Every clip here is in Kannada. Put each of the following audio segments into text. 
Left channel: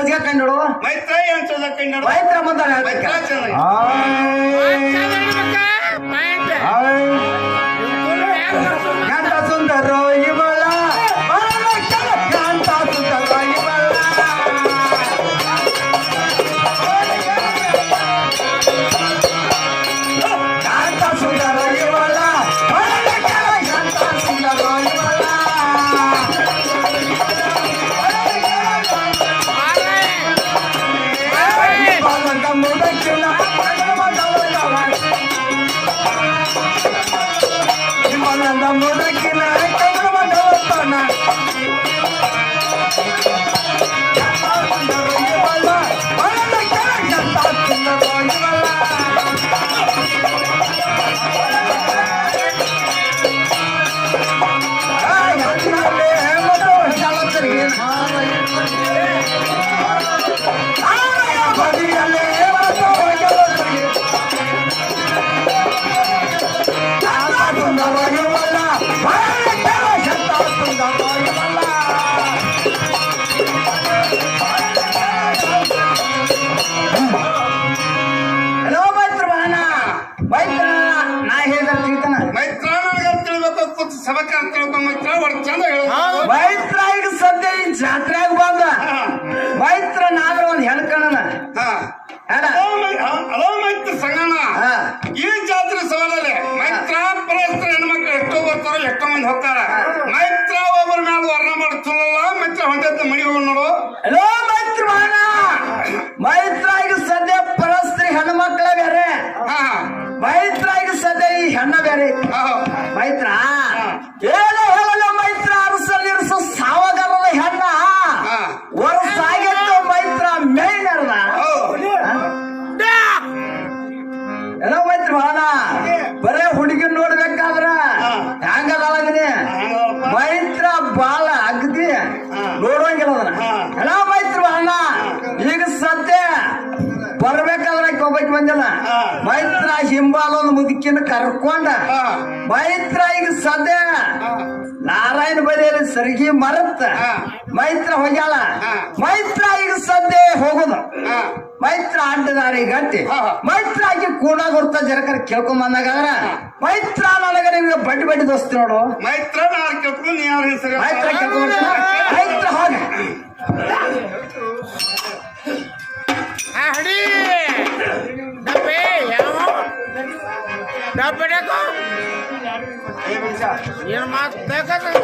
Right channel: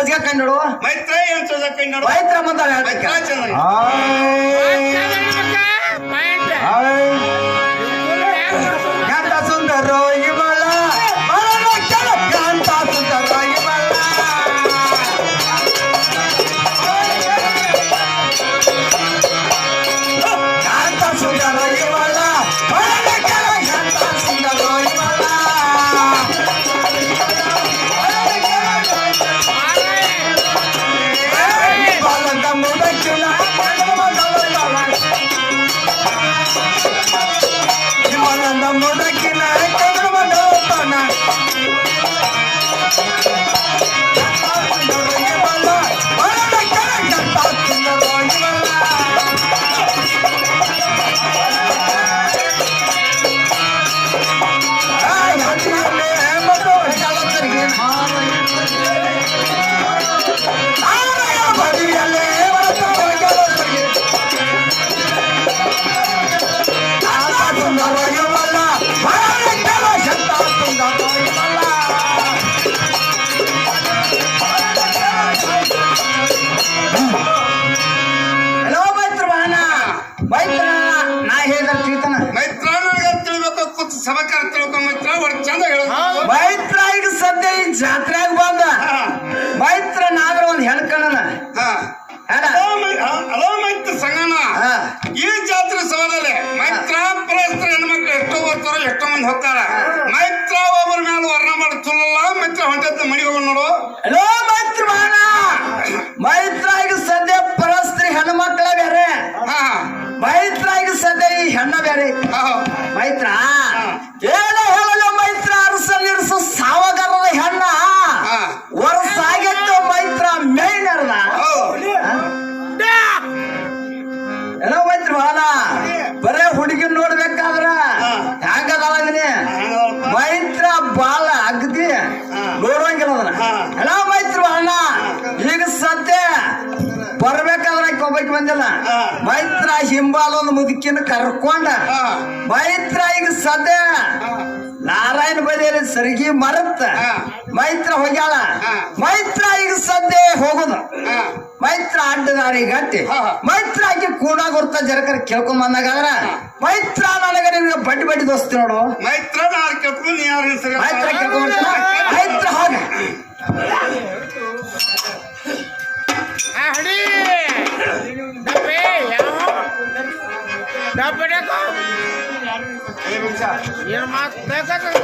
ಸೋಚಿಗೆ ಕಂಡು ಮೈತ್ರ ಏನು ಸೋಚ ಕಂಡು ಮೈತ್ರ ಬಂದ ಅದಕ್ಕಾರ ತಿಳ್ಕೊಂಬಿತ್ರ ಅವ್ರ ಈಗ ಸದ್ಯ ಈ ಜಾತ್ರೆಗೆ ಬಂದ ಮೈತ್ರ ನಾಳೆ ಒಂದು ಹೆಣ್ಕಣ್ಣ ಅಲೋ ಮೈತ್ರ ಸಗಣ ಈ ಜಾತ್ರೆ ಸವಾಲಲ್ಲಿ ಮೈತ್ರ ಪರಸ್ತ್ರ ಹೆಣ್ಮಕ್ಳು ಎಷ್ಟೋ ಬರ್ತಾರೋ ಎಷ್ಟೋ ಮಂದಿ ಹೋಗ್ತಾರ. ಬಂದಿಲ್ಲ. ಮೈತ್ರ ಹಿಂಬಾಲೊಂದು ಮುದುಕಿನ ಕರ್ಕೊಂಡ. ಮೈತ್ರ ಈಗ ಸದ್ಯ ನಾರಾಯಣ ಬದಿಯಲ್ಲಿ ಸರಿಗೆ ಮರತ್ತ ಮೈತ್ರ ಹೋಗ್ಯಾಳ. ಮೈತ್ರ ಈಗ ಸದ್ಯ ಹೋಗುದು. ಮೈತ್ರ ಅಡ್ಡದಾರಿ ಗಂಟೆ. ಮೈತ್ರ ಆಗಿ ಕೂಡ ಗುರ್ತ ಜರಕರ್ ಕೇಳ್ಕೊಂಡ್ ಬಂದಾಗಾದ್ರ ಮೈತ್ರ ನನಗ ನಿಮ್ಗೆ ಬಡ್ಡಿ ಬಡ್ಡಿ ದೋಸ್ತಿ ನೋಡು. ಮೈತ್ರ ಮೈತ್ರ ಬೇಡಕ ಏನು ಮಾತು ಬೇಕಾಗ್ತದೆ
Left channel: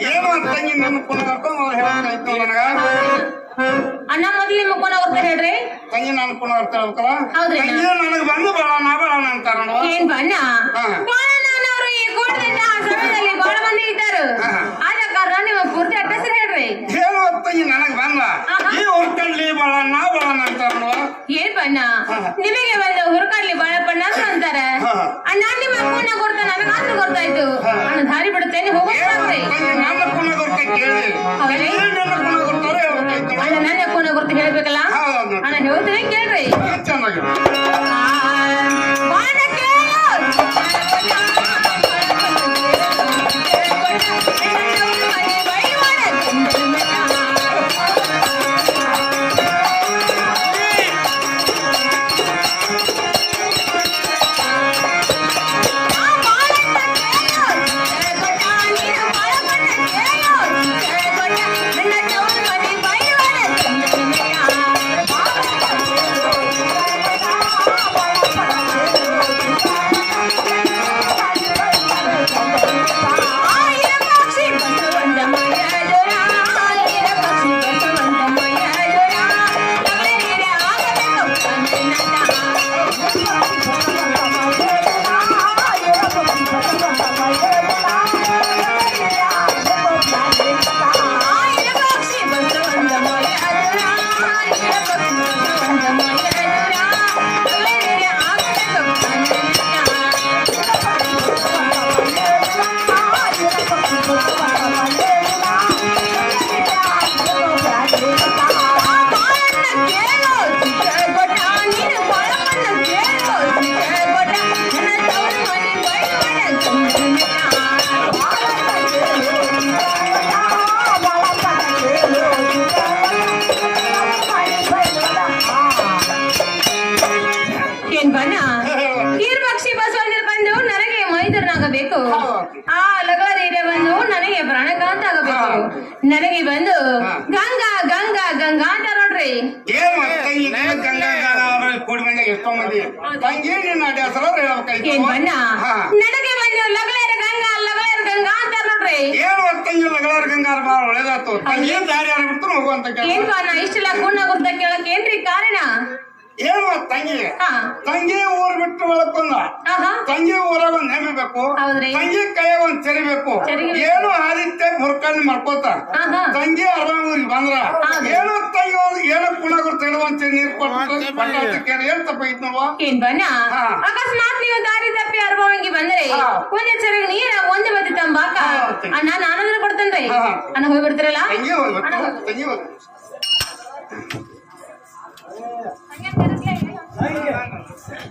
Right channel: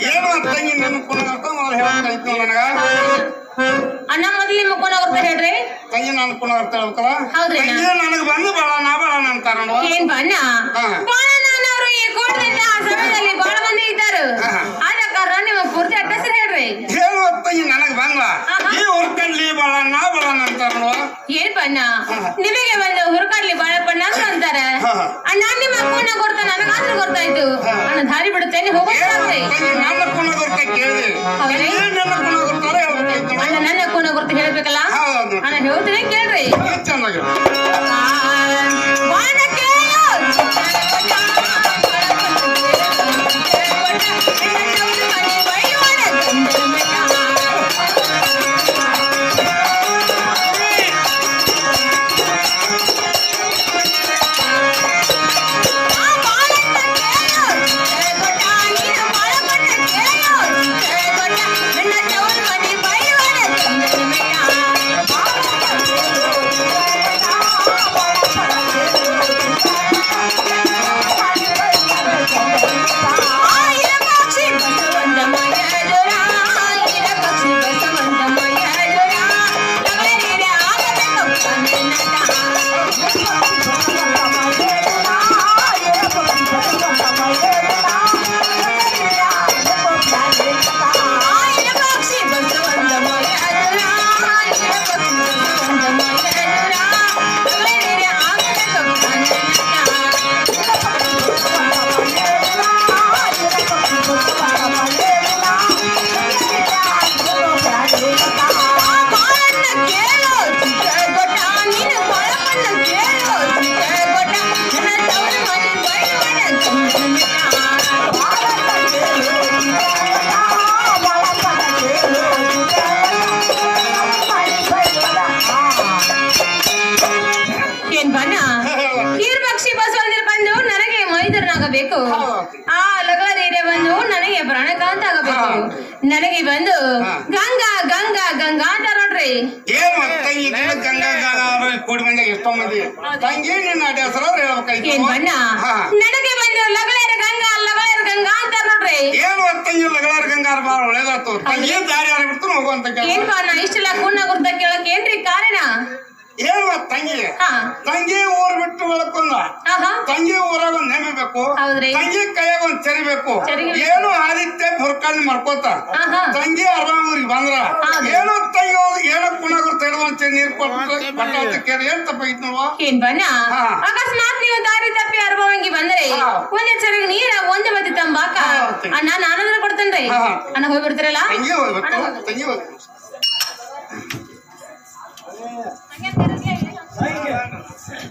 ಏನು ಅತ್ತಂಗಿ ನಿಮ್ ಕುಣ ಅವ್ರನ್ನ ಹೇಳಕ್ಕಂತೀವಿ ಅಣ್ಣ ಮೊದ್ಲು ನಿಮ್ ಕುಣ ಹೇಳ್ರಿ. ತಂಗಿ ನನ್ ಕುಣ ಅವ್ರ ತಳ್ತಾವ ಹೌದ್ರಿ ನನಗ್ ಬಂದು ಬಾಳ ನಾ ಬಾಳ ಅಂತಾರೆ ಏನ್ ಬಣ್ಣ ನನಗ್ ಬಂದ. ಈ ಹುರ್ಕಡ್ಲಿ ಬಾಳ ನಾ ಬಾಳ ಏನ್ ಬಣ್ಣ ನಿಮಗೆ ಒಂದು ಹುರ್ಕಡ್ಲಿ ಬಾಳಪ್ಪಣ್ಣ ಅಂತಾರ. ಅಣ್ಣ ನಿಮ್ಮ ಅಪ್ಪನ ಗುರ್ತ ನನಗಾದ್ರೂ ಗೊತ್ತಾಯ್ತು Thank you. ಅಕಸ್ಮಾತ್ ನೀವು ದಾರಿ ತಪ್ಪಿ ಅನುಭವಂಗಿ ಬಂದ್ರೆ ಮುನ್ನೆಚ್ಚರಿಕೆ ನೀರ ಒಂದು ಬದಿ ತಂಬಾಕ ಅಣ್ಣ ನಾನಂದ್ರ ಕೊಡ್ತೇನ್ರಿ ಅಣ್ಣ ಹೋಗಿ ಬಿಡ್ತಿರಲ್ಲ